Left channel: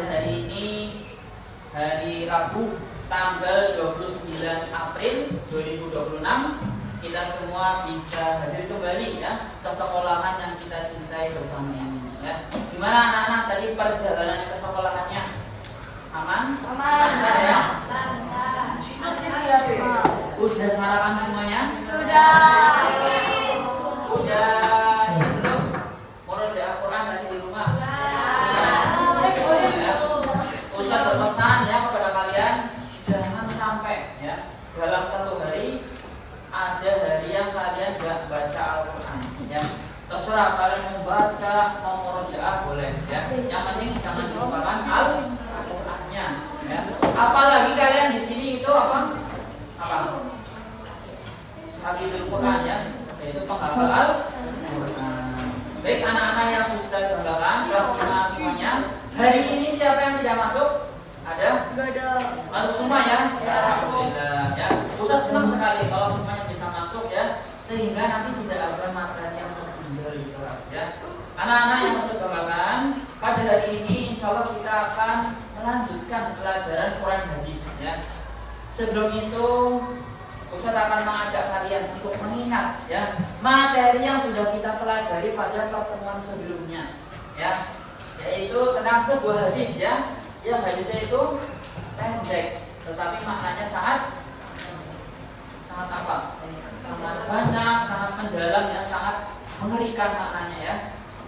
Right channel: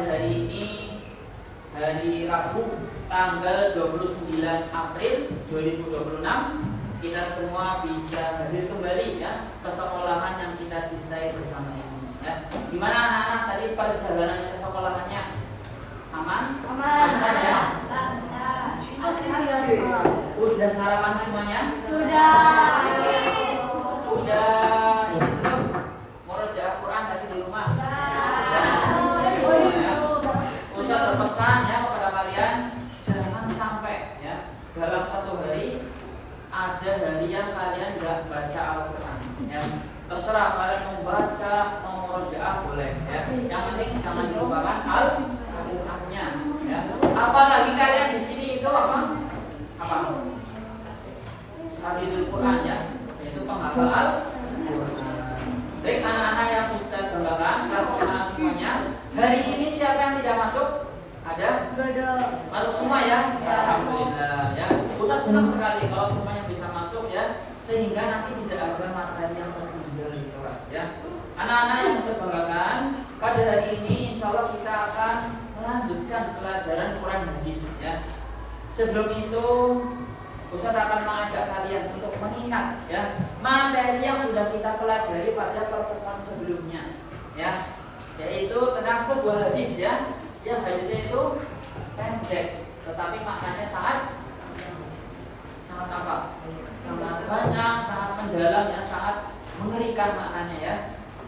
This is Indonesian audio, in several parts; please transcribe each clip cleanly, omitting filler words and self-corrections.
pada hari ini hari Rabu tanggal 29 April 2026 kita semua bisa hadir kembali ya ke sekolahan yang kita cintai bersama ini ya. Gimana anak-anak tadi perjalanan ke sekolahannya? Aman? Lancar ya? Udah sarapan semuanya? Sudah ini belum? Murojaah Quran tadi di rumah? Ustaz berpesan ya kepada kalian jangan sampai ya dalam satu hari ada hari yang kalian tidak baca Al-Quran ya. Terserah kalian mau baca, mau murojaah boleh ya. Yang penting jangan dilupakan Al-Qurannya ya. Apalagi kalian di sini itu apa? Hafidul Quran ya, yaitu penghafal Al-Quran. Baik anak-anak yang Ustaz banggakan, kelas 5 semuanya. Hari ini siapa yang tidak masuk? Ada? Masuk semua ya? Alhamdulillah ya. Ustaz senang sekali kalau semuanya bisa masuk ya, sehingga nanti tidak ada materi yang tertinggal di kelas ya. Anak-anak yang Ustaz banggakan, pada hari ini insya Allah kita akan melanjutkan pelajaran Quran hadis ya. Sebelum itu Ustaz akan mengajak kalian untuk mengingat ya materi yang sudah kita pelajari pada pertemuan sebelumnya ya, yaitu tentang sebuah hadis ya, yang hadisnya itu pendek tetapi maknanya sangat apa? Sangat banyak, sangat mendalam ya, sangat mengerikan maknanya ya.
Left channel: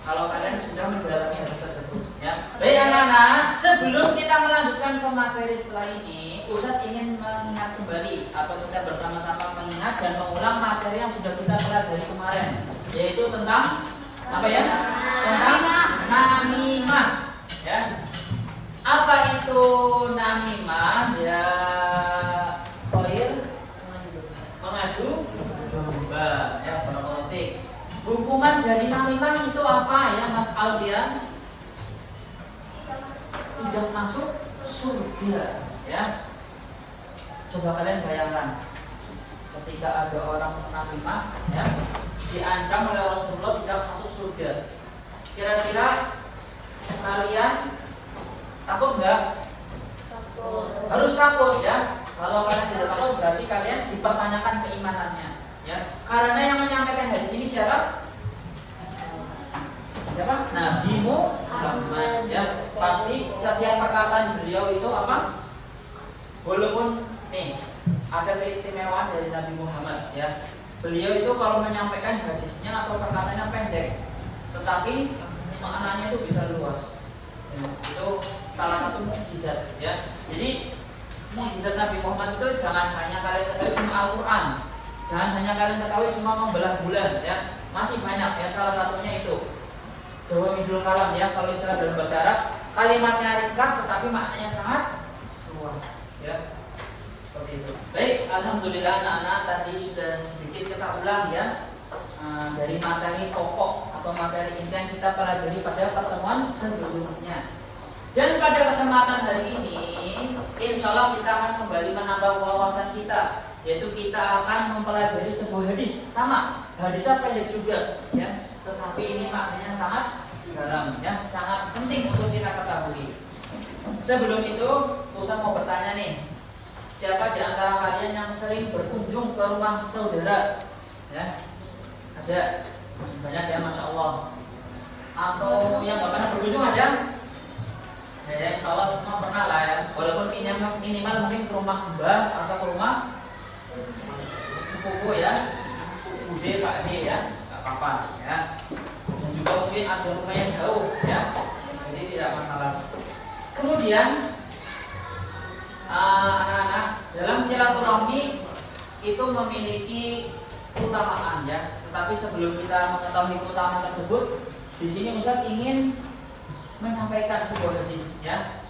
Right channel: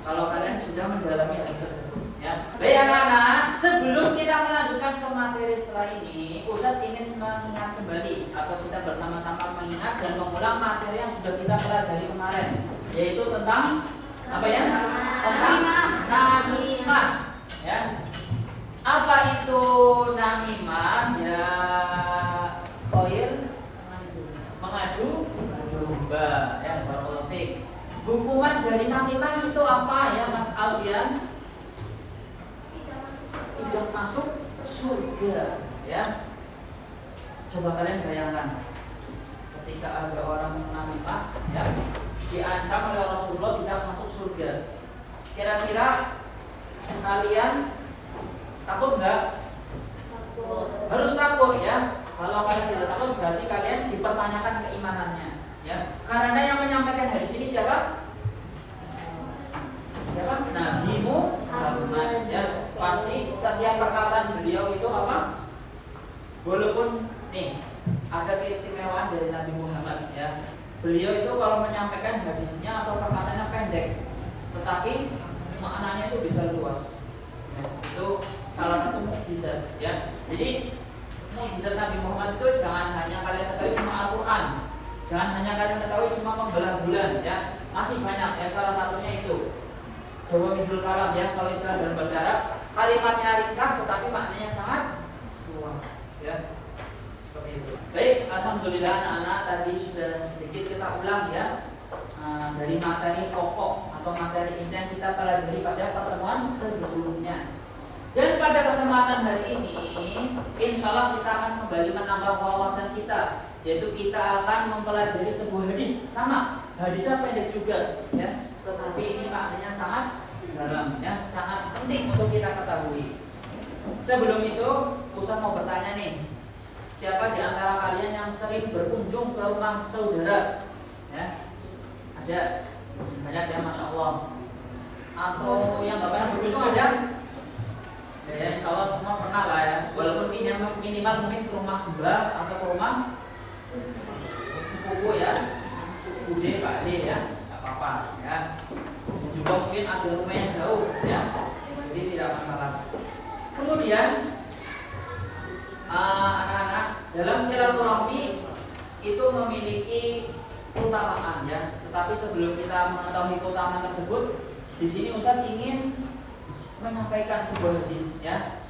Kalau kalian sudah mendalami hadis tersebut ya. Baik anak-anak, sebelum kita melanjutkan ke materi setelah ini, Ustaz ingin mengingat kembali atau kita bersama-sama mengingat dan mengulang materi yang sudah kita pelajari kemarin, yaitu tentang apa ya? Tentang namimah ya. Apa itu namimah ya? Koir mengadu domba ya, berpolitik. Hukuman dari namimah itu apa ya Mas Alfian? Tidak masuk surga ya. Coba kalian bayangkan ketika ada orang namimah ya, diancam oleh Rasulullah tidak masuk surga. Kira-kira kalian takut enggak? Takut. Harus takut ya. Kalau kalian tidak takut berarti kalian dipertanyakan keimanannya ya. Karena yang menyampaikan hadis ini siapa? Siapa? Nabi Muhammad ya. Pasti setiap perkataan beliau itu apa? Walaupun nih ada keistimewaan dari Nabi Muhammad ya. Beliau itu kalau menyampaikan hadisnya atau perkataannya pendek, tetapi maknanya itu bisa luas. Ya, itu salah satu mukjizat ya. Jadi mukjizat Nabi Muhammad itu jangan hanya kalian ketahui cuma Al-Quran, jangan hanya kalian ketahui cuma membelah bulan ya. Masih banyak ya, salah satunya itu Jawamidul Kalam ya, kalau istilah dalam bahasa Arab, kalimatnya ringkas tetapi maknanya sangat luas ya. Seperti itu. Baik, alhamdulillah anak-anak tadi sudah sedikit kita ulang ya dari materi pokok atau materi inti yang kita pelajari pada pertemuan sebelumnya. Dan pada kesempatan hari ini, insya Allah kita akan kembali menambah wawasan kita, yaitu kita akan mempelajari sebuah hadis sama. Hadisnya pendek juga ya, tetapi ini maknanya sangat dalam ya, sangat penting untuk kita ketahui. Sebelum itu, Ustaz mau bertanya nih, siapa di antara kalian yang sering berkunjung ke rumah saudara? Ya, ada banyak ya, masya Allah. Atau yang nggak pernah berkunjung ada? Ya, insya Allah semua pernah lah ya. Walaupun minimal mungkin ke rumah mbah atau ke rumah sepupu ya, bude pak de ya, nggak apa-apa ya. Dan juga mungkin ada rumah yang jauh ya, jadi tidak masalah. Kemudian anak-anak, dalam silaturahmi itu memiliki keutamaan ya. Tetapi sebelum kita mengetahui keutamaan tersebut, di sini Ustaz ingin menyampaikan sebuah hadis ya,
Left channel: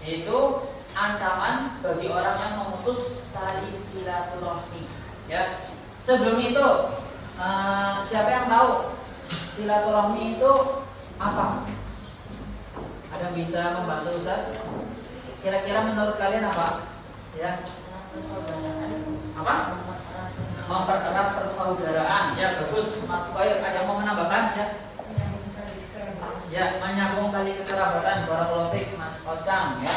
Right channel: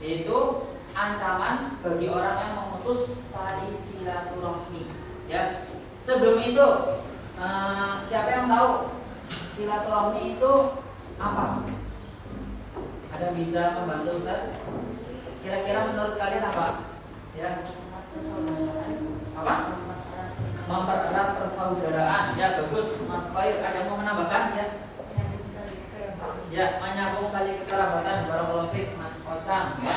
yaitu ancaman bagi orang yang memutus tali silaturahmi ya. Sebelum itu siapa yang tahu silaturahmi itu apa? Ada yang bisa membantu Ustaz? Kira-kira menurut kalian apa? Ya. Apa? Mempererat persaudaraan. Ya, bagus Mas Bayu. Ada yang mau menambahkan ya? Ya, menyambung tali kekerabatan. Barakallahu fiik Mas Ocam ya.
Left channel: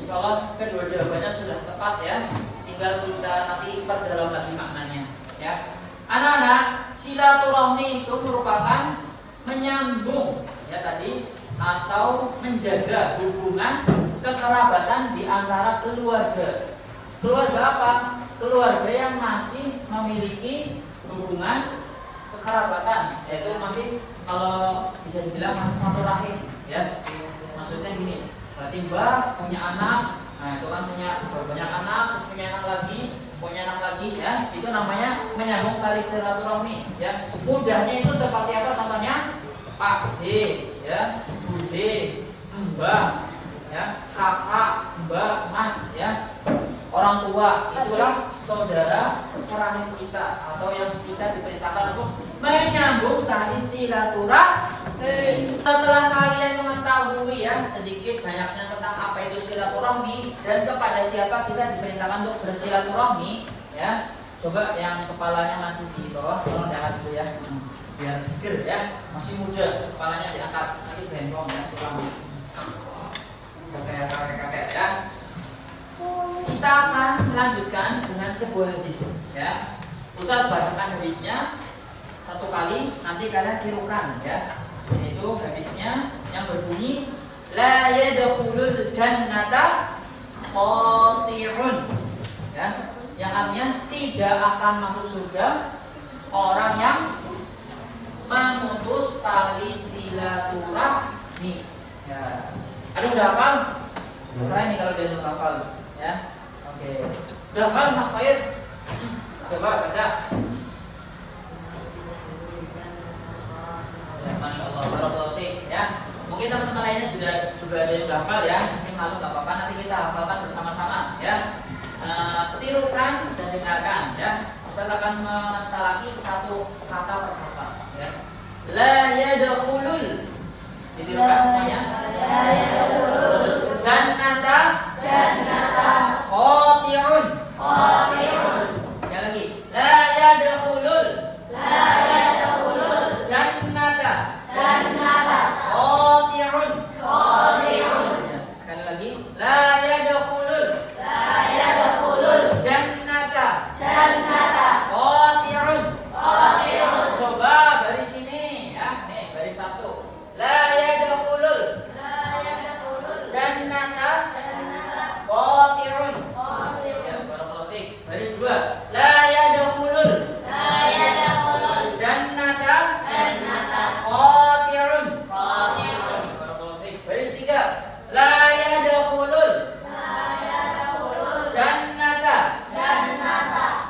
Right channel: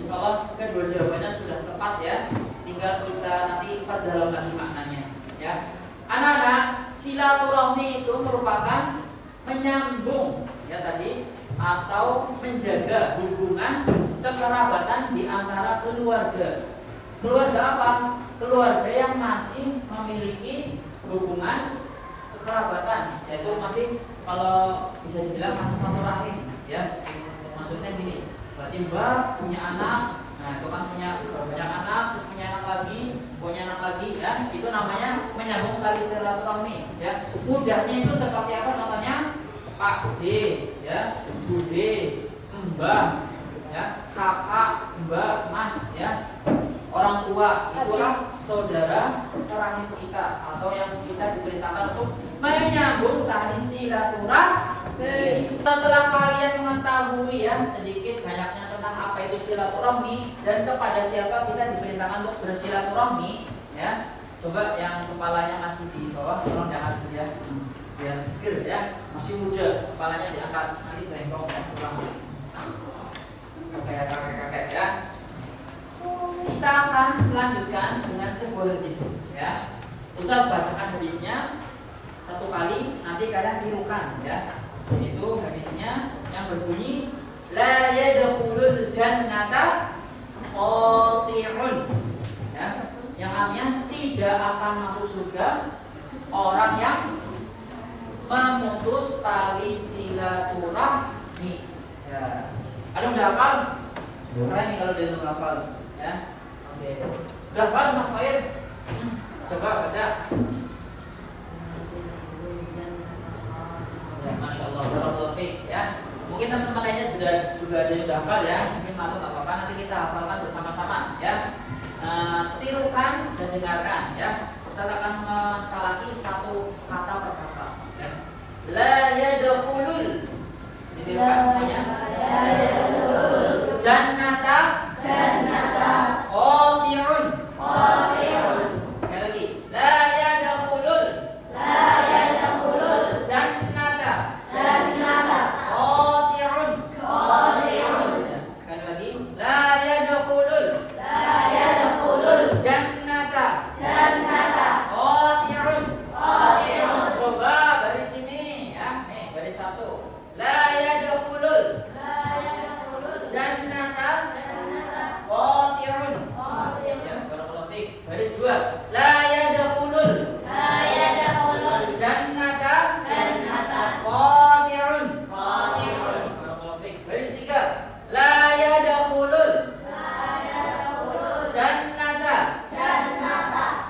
Insyaallah kedua jawabannya sudah tepat ya. Tinggal kita nanti perdalam lagi maknanya ya. Anak-anak, silaturahmi itu merupakan menyambung ya tadi atau menjaga hubungan kekerabatan di antara keluarga. Keluarga apa? Keluarga yang masih memiliki hubungan kekerabatan, yaitu masih kalau bisa dibilang masih satu rahim ya. Maksudnya gini, Mbak punya anak, nah itu kan punya anak, terus punya anak lagi ya, itu namanya menyambung tali silaturahmi ya. Mudahnya itu seperti apa namanya? Pak D ya, Bu D, Mbah ya, kakak, mbak, mas ya. Orang tua itulah saudara serahim kita atau yang kita diperintahkan untuk menyambung tali silaturahmi. Setelah kalian mengetahui yang sedikit banyaknya tentang apa itu silaturahmi dan kepada siapa kita diperintahkan untuk bersilaturahmi ya, coba yang kepalanya masih di bawah tolong diangkat dulu ya, biar seger ya, masih muda kepalanya diangkat, nanti bengkok ya, pulang kayak kakek-kakek ya. Kita akan melanjutkan dengan sebuah hadis ya. Ustaz bacakan hadisnya satu kali, nanti kalian tirukan ya. Yaitu hadisnya yang berbunyi la yadkhulul jannata qati'un ya. Yang artinya tidak akan masuk surga orang yang memutus tali silaturahmi ya. Ada udah hafal? Keren nih kalau dia udah hafal ya. Oke. Udah hafal Mas Fair? Coba baca. Ya, Masya Allah, barakallahu fiik ya. Mungkin teman-teman lainnya juga ada yang hafal ya. Mungkin malu nggak apa-apa, nanti kita hafalkan bersama-sama ya. Tirukan dan dengarkan ya. Ustaz akan mentalaki satu kata per kata ya. La yadkhulul. Ditirukan semuanya. La yadkhulul jannata qati'un. Sekali lagi. La yadkhulul jannata qati'un. Sekali lagi. La yadkhulul jannata qati'un. Coba dari sini ya. Nih, dari satu. La yadkhulul jannata qati'un. Ya, barakallahu fiik. Baris dua. La yadkhulul jannata qati'un. Barakallahu fiik. Baris tiga. La yadkhulul jannata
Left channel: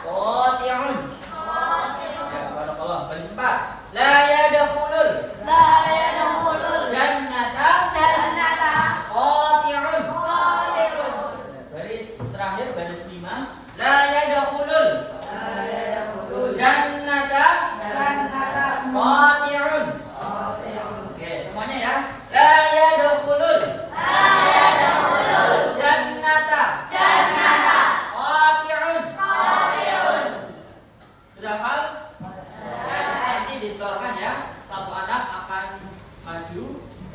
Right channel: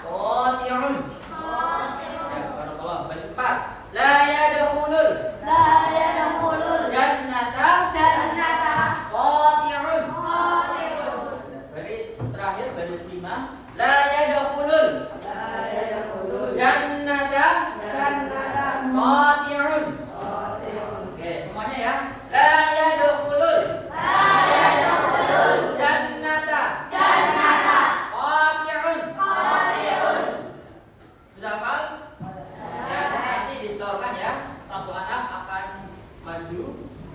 qati'un. Ya, barakallahu. Baris empat. La yadkhulul jannata qati'un. Baris terakhir, baris lima. La yadkhulul jannata qati'un. Oke, semuanya ya. La yadkhulul jannata qati'un. Sudah hafal? Nanti disetorkan ya. Satu anak akan maju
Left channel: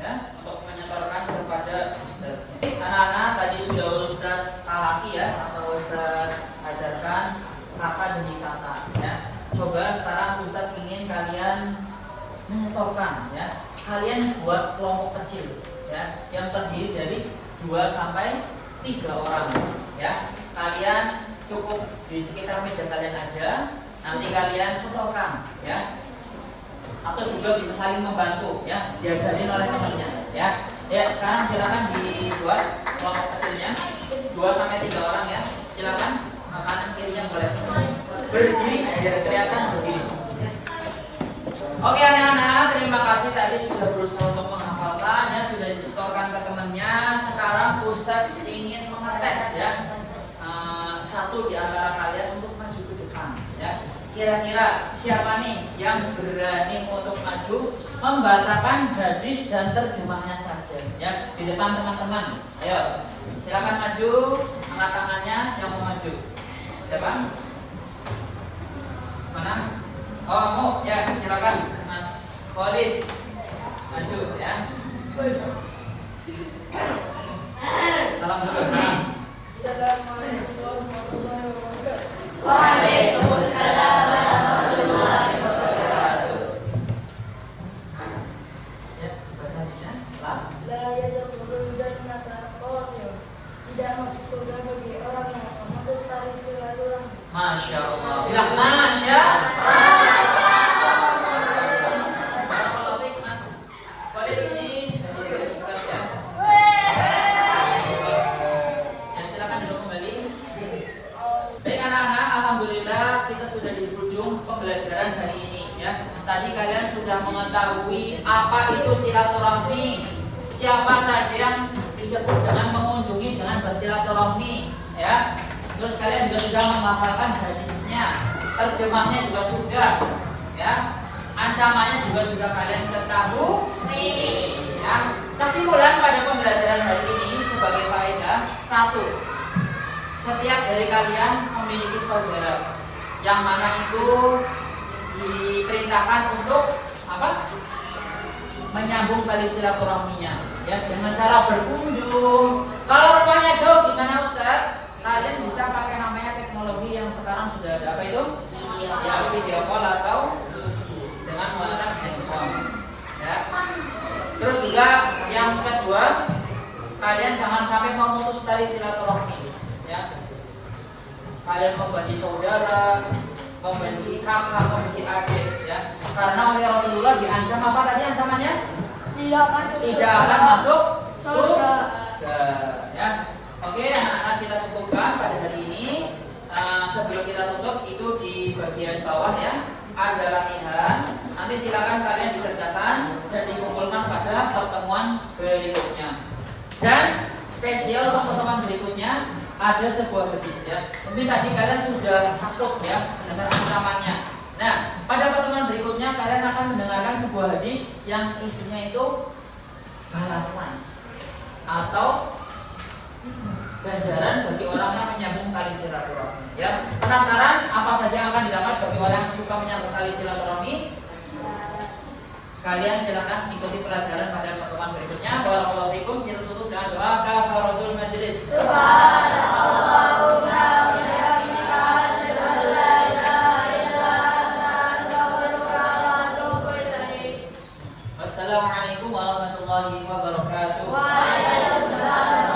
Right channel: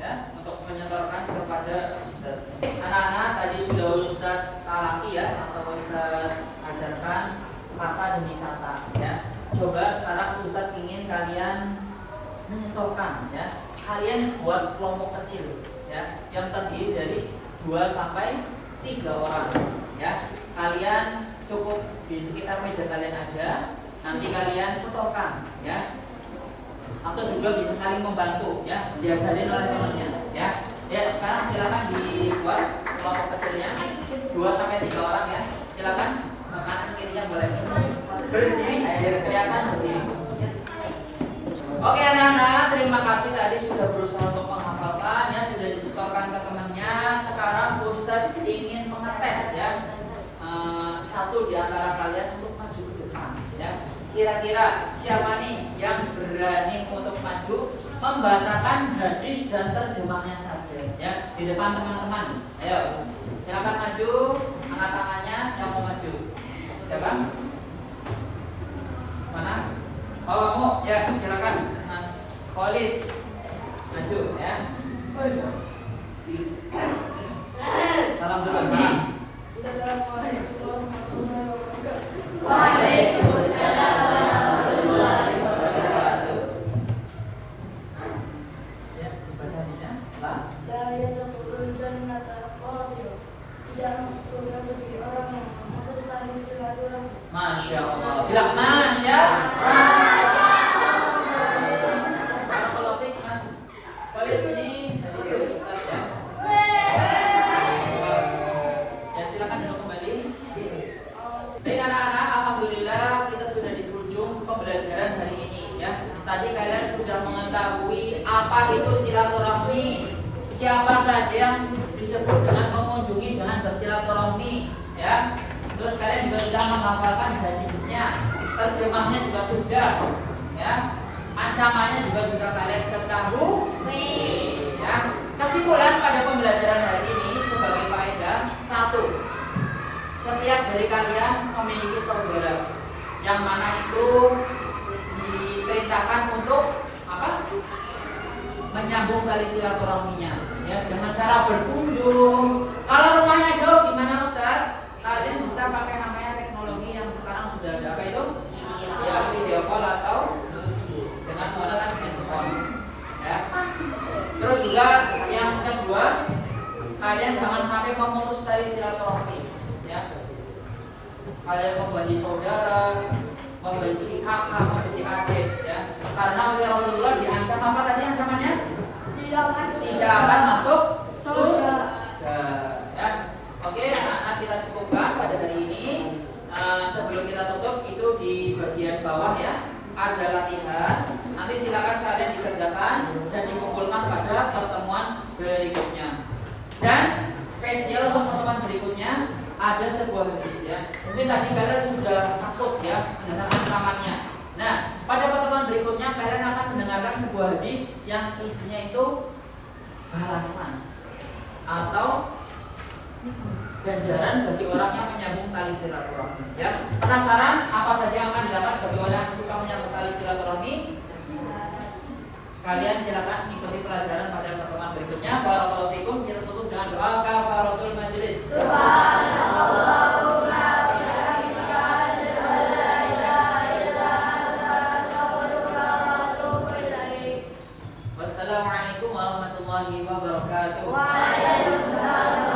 ya untuk menyetorkan kepada Ustaz. Anak-anak tadi sudah Ustaz talaki ya atau Ustaz ajarkan kata demi kata ya. Coba sekarang Ustaz ingin kalian menyetorkan ya. Kalian buat kelompok kecil ya yang terdiri dari 2 sampai 3 orang ya. Kalian cukup di sekitar meja kalian aja. Nanti kalian setorkan ya. Atau juga bisa saling membantu ya, diajarin oleh temannya ya. Ya, sekarang silakan dibuat kelompok kecilnya 2 sampai 3 orang ya. Silakan kanan kirinya boleh berdiri biar kelihatan berdiri. Oke anak-anak, terima kasih tadi sudah berusaha untuk menghafalkan ya, sudah disetorkan ke temannya. Sekarang Ustaz ingin mengetes ya satu di antara kalian untuk maju ke depan ya. Kira-kira siapa nih yang berani untuk maju membacakan hadis dan terjemahnya saja ya di depan teman-teman. Ayo, silakan maju, angkat tangannya yang mau maju. Siapa? Mana? Oh, kamu ya, silakan Mas Khalid maju ya. Salam dulu ini. Waalaikumsalam warahmatullahi wabarakatuh. Ya, bahasa bisa. Lah. La yadkhulul jannata qadhir. Tidak masuk surga bagi orang yang memutus tali silaturahmi. Masya Allah. Bilang Masya. Barakallahu fiik, Mas. Kalian ini Ustaz ya. Ya, silakan duduk kembali. Baik anak-anak, alhamdulillah kita sudah di ujung pembelajaran hari ini ya. Tadi kalian sudah mengetahui apa itu silaturahmi. Siapa saja yang disebut dengan mengunjungi dengan bersilaturahmi ya. Terus kalian juga sudah menghafalkan hadisnya, terjemahnya juga sudah ya. Ancamannya juga sudah kalian ketahui ya. Kesimpulan pada pembelajaran hari ini sebagai faedah, satu, setiap dari kalian memiliki saudara yang mana itu diperintahkan untuk apa? Menyambung tali silaturahminya ya dengan cara berkunjung. Kalau rumahnya jauh gimana Ustaz? Kalian bisa pakai namanya teknologi yang sekarang sudah ada, apa itu? Ya, video call atau dengan menggunakan handphone ya. Terus juga yang kedua, kalian jangan sampai memutus tali silaturahmi ya. Kalian membenci saudara, membenci kakak, membenci adik ya. Karena oleh Rasulullah diancam apa tadi ancamannya? Tidak akan masuk surga ya. Oke, anak-anak kita cukupkan pada hari ini. Sebelum kita tutup itu di bagian bawah ya ada latihan. Nanti silakan kalian dikerjakan dan dikumpulkan pada pertemuan berikutnya. Dan spesial untuk pertemuan berikutnya ada sebuah hadis ya. Mungkin tadi kalian sudah takut ya dengan ancamannya. Nah, pada pertemuan berikutnya kalian akan mendengarkan sebuah hadis yang isinya itu balasan atau ganjaran bagi orang yang menyambung tali silaturahmi. Ya, penasaran apa saja yang akan didapat bagi orang yang suka menyambung tali silaturahmi? Kalian silakan ikuti pelajaran pada pertemuan berikutnya. Barakallahu fikum. Kita tutup dengan doa kafaratul majelis. Subhanallahumma wa bihamdika asyhadu an la ilaha illa anta astaghfiruka wa atubu ilaik. Wassalamualaikum warahmatullahi wabarakatuh. Waalaikumsalam.